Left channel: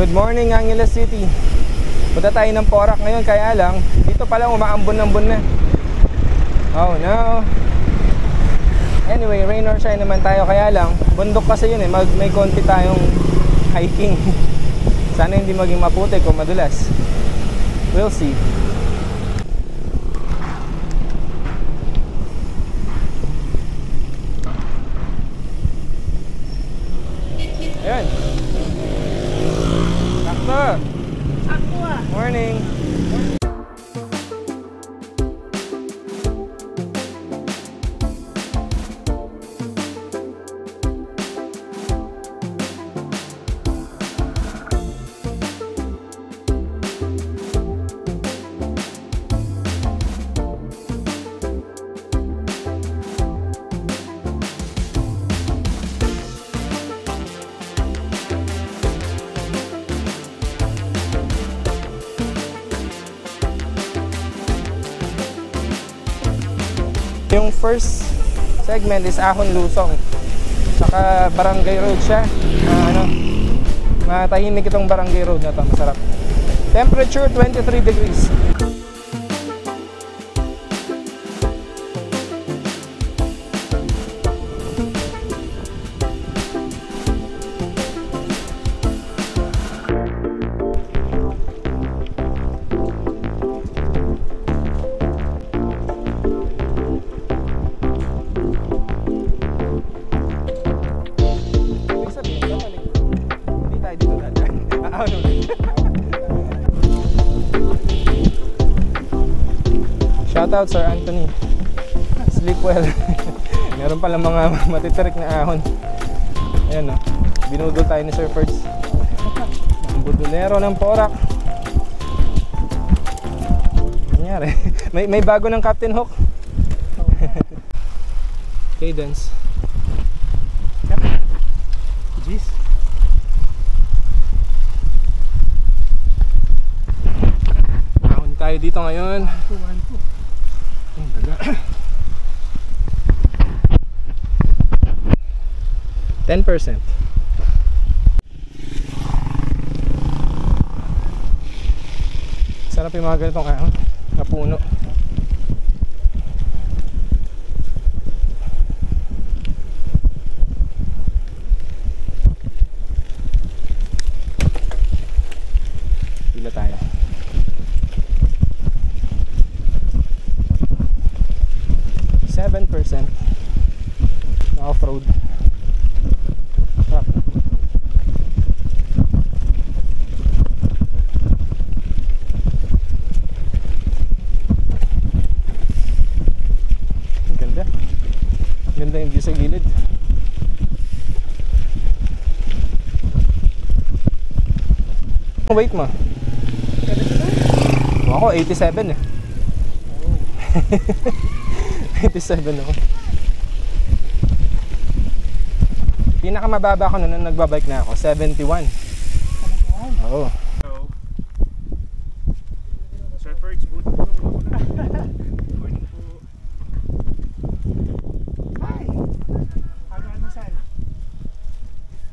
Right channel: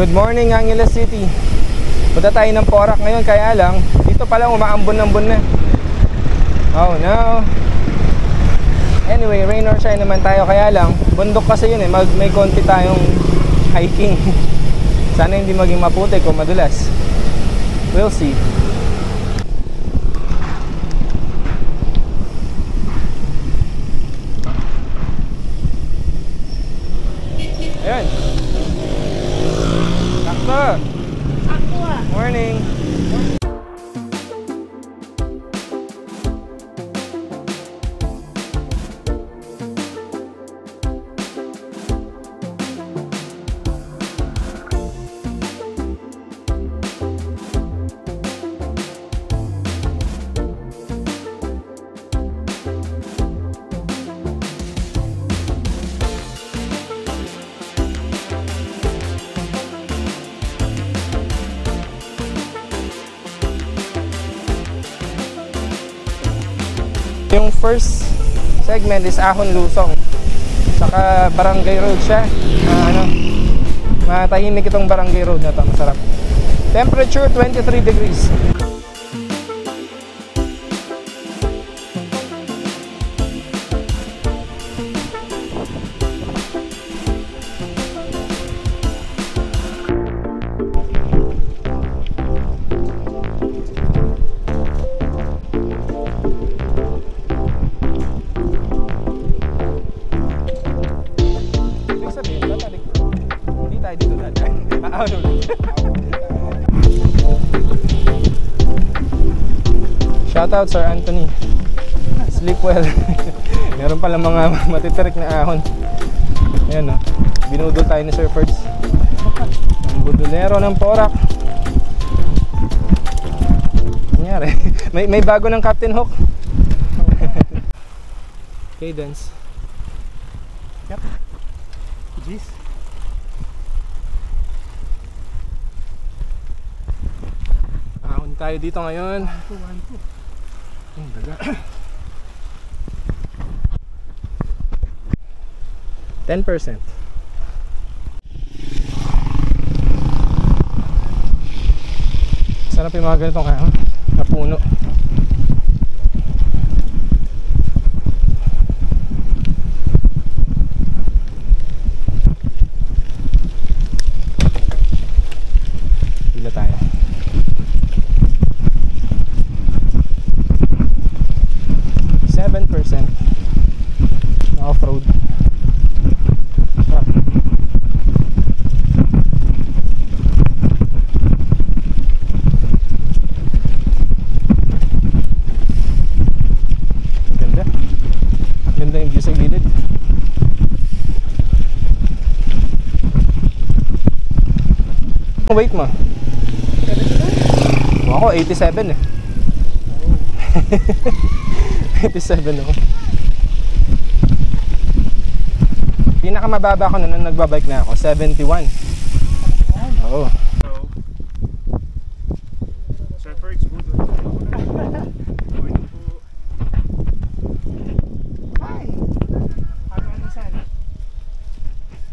Good morning, Angeles City. Punta tayo ng Porac ngayon, kaya lang dito pala umaambon-ambon na. Oh no. Anyway, rain or shine naman tayo, kaya lang bundok kasi yun eh, may konti tayong hiking. Sana hindi maging maputik o madulas. We'll see. Ayan. Sakto. Morning. Yung first segment is Ahon Lusong. Saka Barangay Road siya. Matahimik itong Barangay Road na to, masarap. Temperature 23 degrees. Shoutout Sir Anthony. Sleep well. Meron pala mga matitirik na ahon. Ayan o. Binudol tayo ni Sir Ferds. Ang budulero ng Porac. Nangyari. May bago ng Captain Hook. Cadence. Yep. Jeez. Ahon tayo dito ngayon. 10%. Sarap yung mga ganitong ahon na puno. Pila tayo. 7% na off-road. Sarap. Ganda. Ganda yung view sa gilid. Ang weight mo? Ako 87 eh. 87 ako. Pinakamababa ko na nung nagbabike na ako, 71. Oo. Sir Ferds, good morning po. Hi! Ano saan?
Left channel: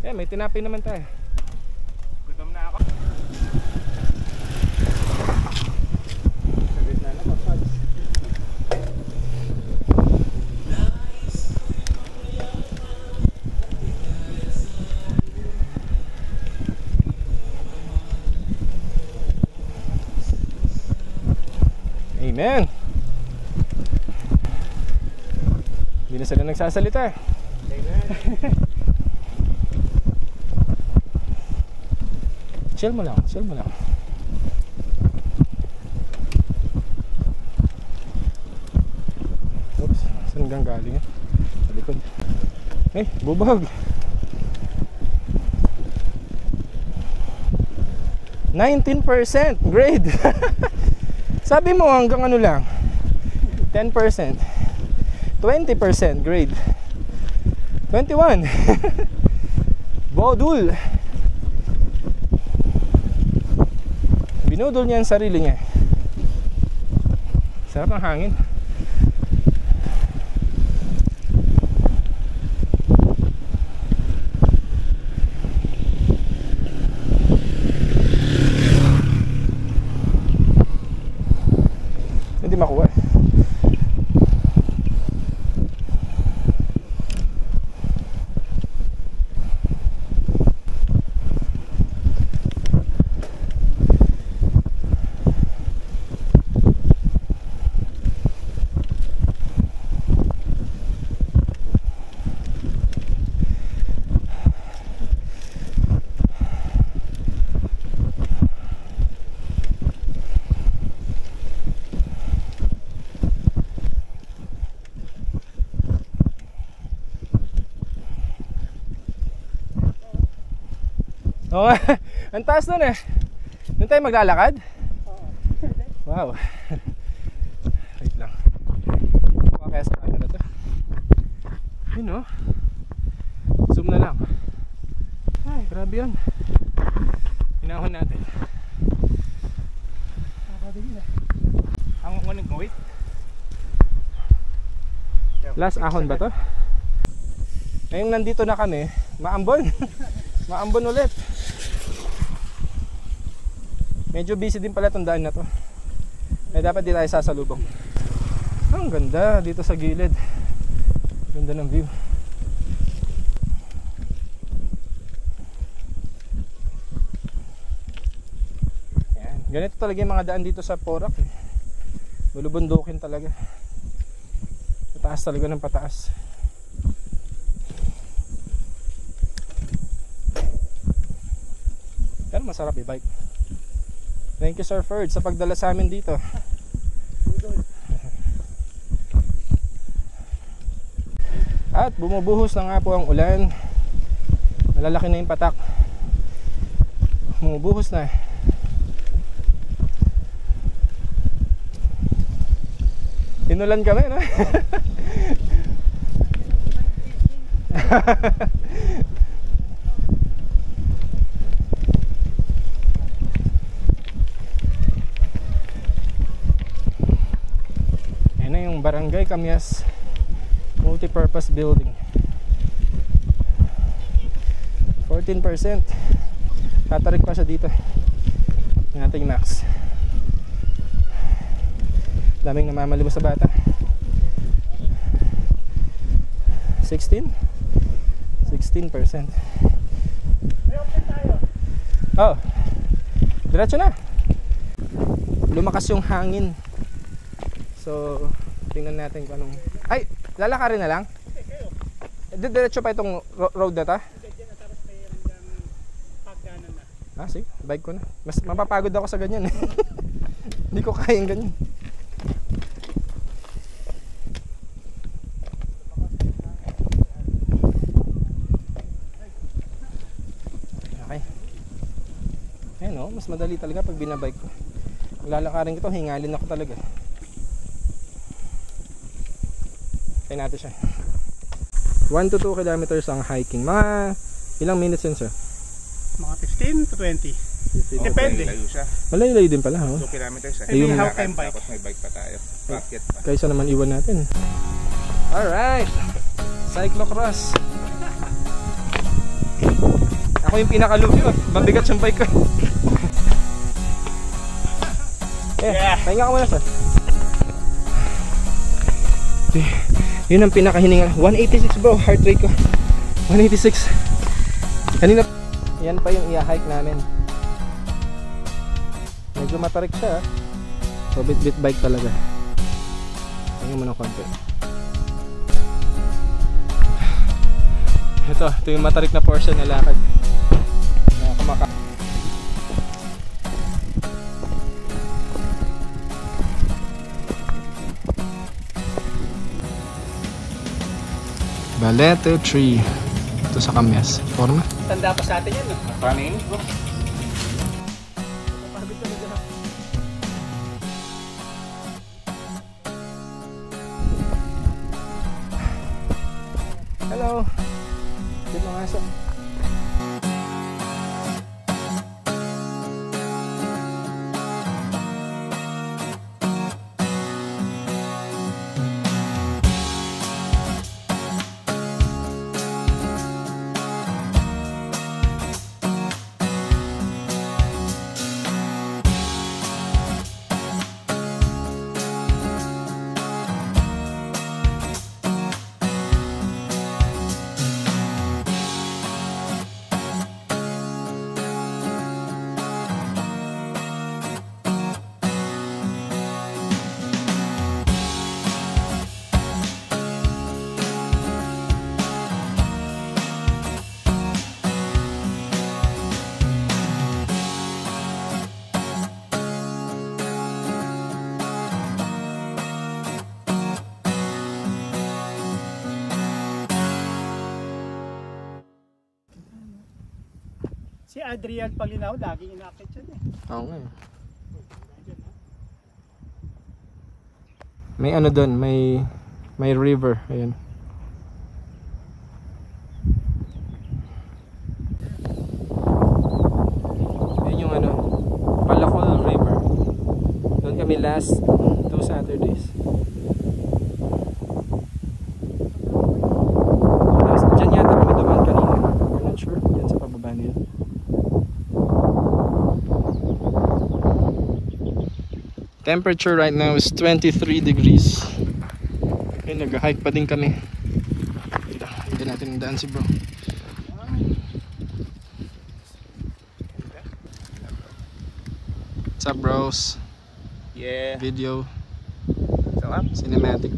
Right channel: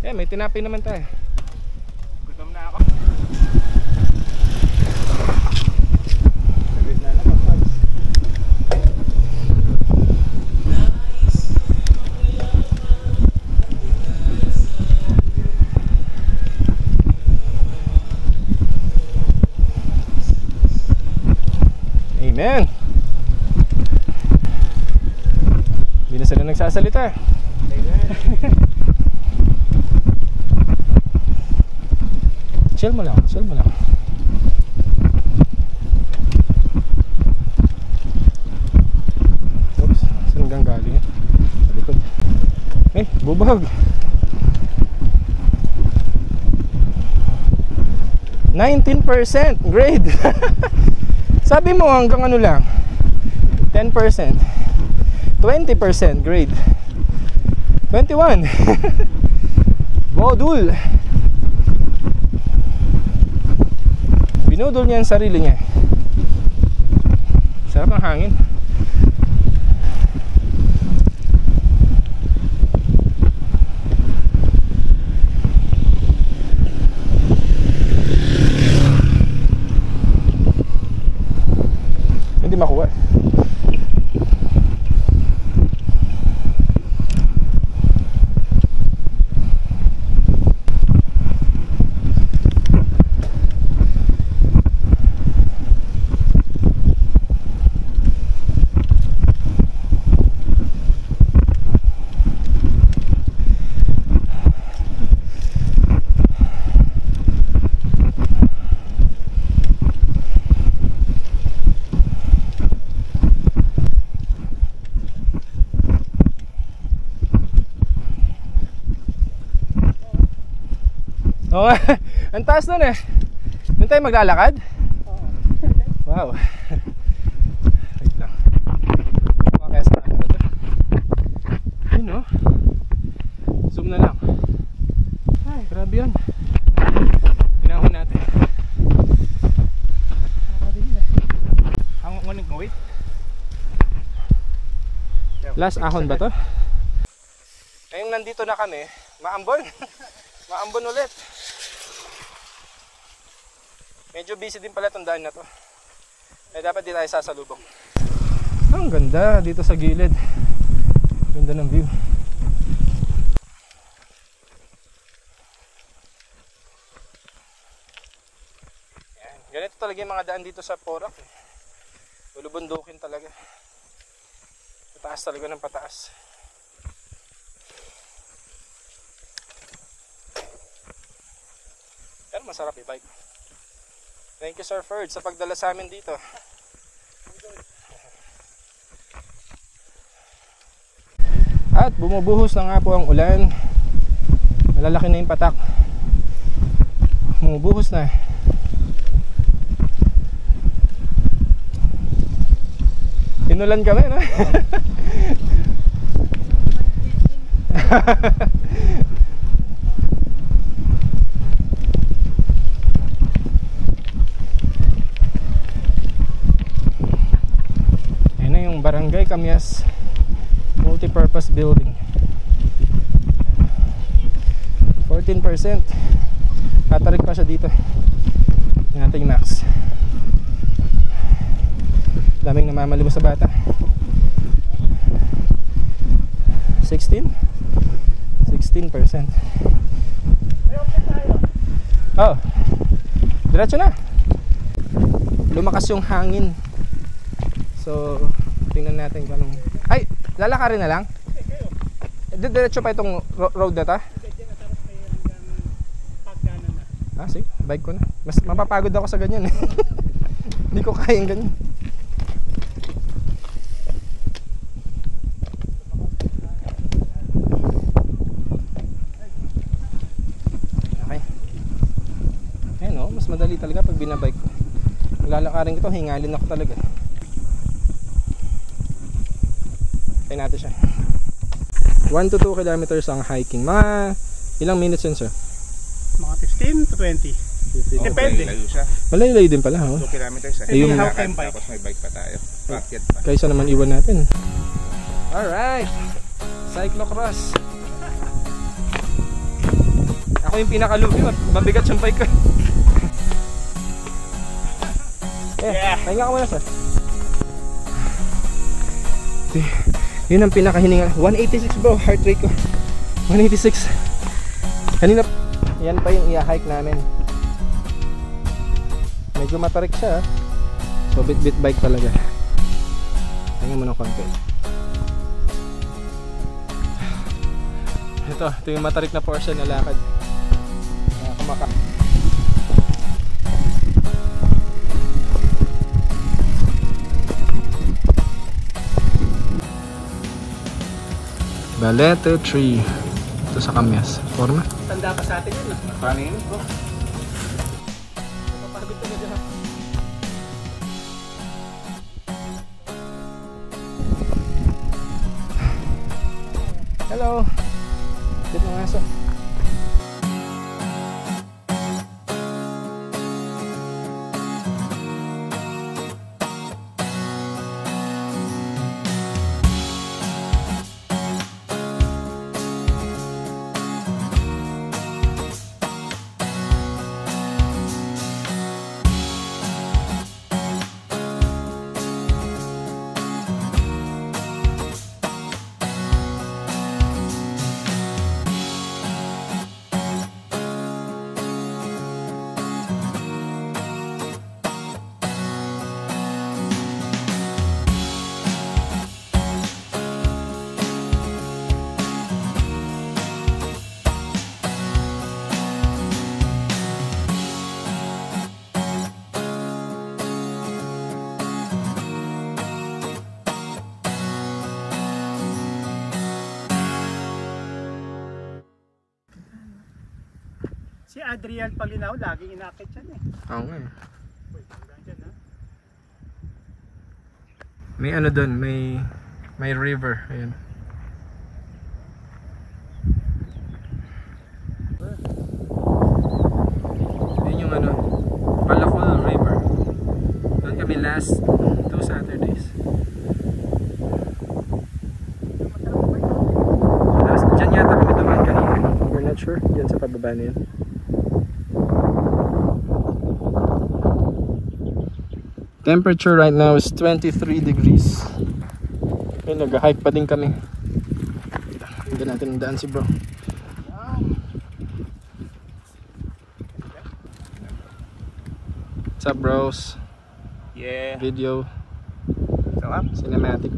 May tinapay naman tayo. Gutom na ako. Saglit na naman, Ferds. Amen. Hindi na sila nagsasalita. Amen. Chill mo lang, chill mo lang. Oops, saan gang galing yan? Sa likod. Bubag. 19% grade. Sabi mo hanggang ano lang 10%, 20% grade, 21. Bodul. Binudol niya ang sarili niya. Sarap ng hangin. Oo nga. Ang taas nun eh. Doon tayo maglalakad? Wow. Wait lang. Kaya sa camera to. Yun oh. Zoom na lang. Ay, grabe yun. Hinahon natin. Ang ngunit mo, wait. Last ahon ba to? Ngayong nandito na kami, maambon. Maambon ulit. Medyo busy din pala itong daan na to. Kaya dapat di tayo sasalubong. Ang ganda dito sa gilid. Ganda ng view. Yan. Ganito talaga yung mga daan dito sa Porac eh. Bulubundukin talaga. Pataas talaga ng pataas. Pero masarap i-bike. Thank you Sir Ferd sa pagdala sa amin dito. At bumubuhos na nga po ang ulan. Malalaki na yung patak. Bumubuhos na. Inulan kami, no? Ayan na yung Barangay Camyas Multipurpose Building. 14%. Tatarik pa siya dito. Yung ating max. Daming namamalibos sa bata. 16%. May open tayo. Oh. Diretso na. Lumakas yung hangin. So, tingnan natin kung anong... Ay, lalakarin na lang. Diretso pa itong road na ta? Ah, sige, bike ko na. Mas mapapagod ako sa ganyan eh. Hindi ko kayang ganyan. Okay. Ayan o, mas madali talaga pag binabike ko. Lalakarin ko ito, hingalin ako talaga. Try natin siya. 1 to 2 kilometers ang hiking. Mga ilang minutes yun sir? Mga 15 to 20. Depende. Layo siya. Malayo-layo din pala, oh. 2 kilometers. Ayun, how can bike? Tapos may bike pa tayo. Bakit pa? Kaysa naman iwan natin. Alright. Cyclocross. Ako yung pinaka-lugi. Mabigat yung bike ko. Pahinga ka muna sir. Yun ang pinakahininga. 186 bro, heart rate ko 186. Kanina yan pa yung i-hike namin. Medyo matarik siya. So bit bike talaga. Tingnan mo ng konti. Ito yung matarik na portion na lakad. Kumaka. Balete tree. Ito sa Camyas. Forma. Tanda pa sa atin yun, no? Paano yun bro? Napapagod talaga. Hello. Dito ng aso. Si Adrian Palinaw, laging inakit yan eh. Oo nga eh. Uy, hanggang dyan ha. May ano doon, may river. Ayan. Ayan yung ano, Palakol River. Doon kami last 2 Saturdays. Diyan yata kami dumaan kanina. We're not sure. Diyan sa pababa na yun. Temperature right now is 23 degrees. Okay, nag-hike pa din kami. Hindi natin ang daan si bro. What's up bros? Yeah. Video So up. cinematic.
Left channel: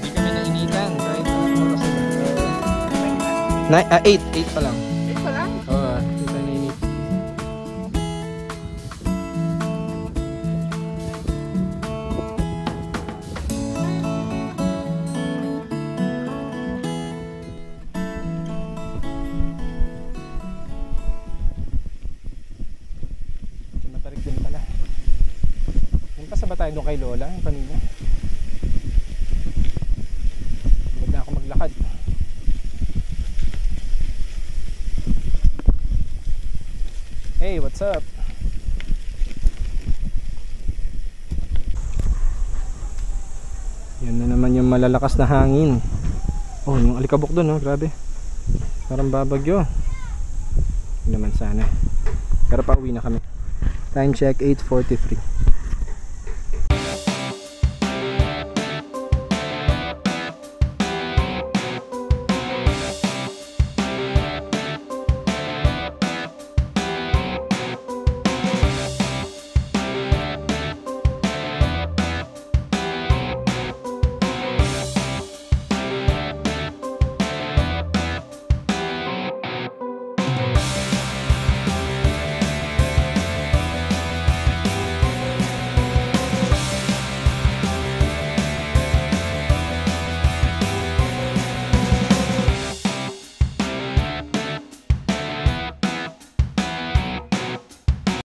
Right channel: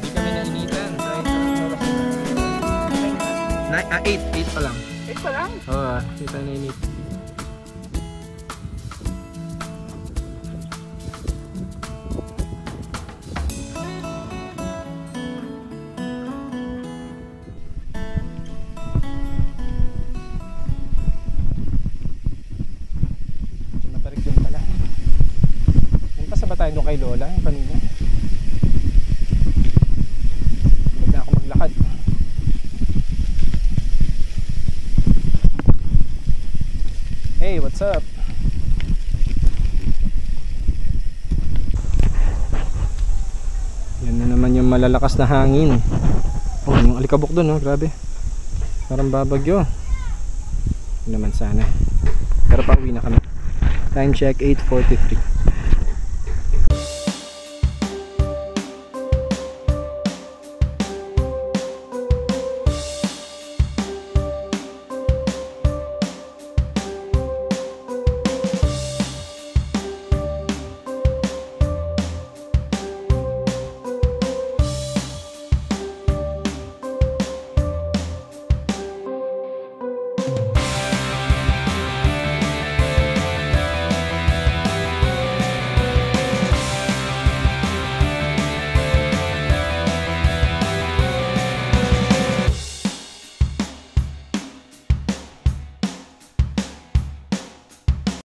Hindi kami nainitan. 8 pa lang. Ito lang. Oo, hindi tayo nainit. Matarik din pala. Pasa ba tayo doon kay Lola? Yung kanina. Huwag na ako maglakad. Hey, what's up? Yan na naman yung malalakas na hangin. Oh, yung alikabok doon, oh, grabe. Parang babagyo. Hindi naman sana. Pero pauwi na kami. Time check 8:43.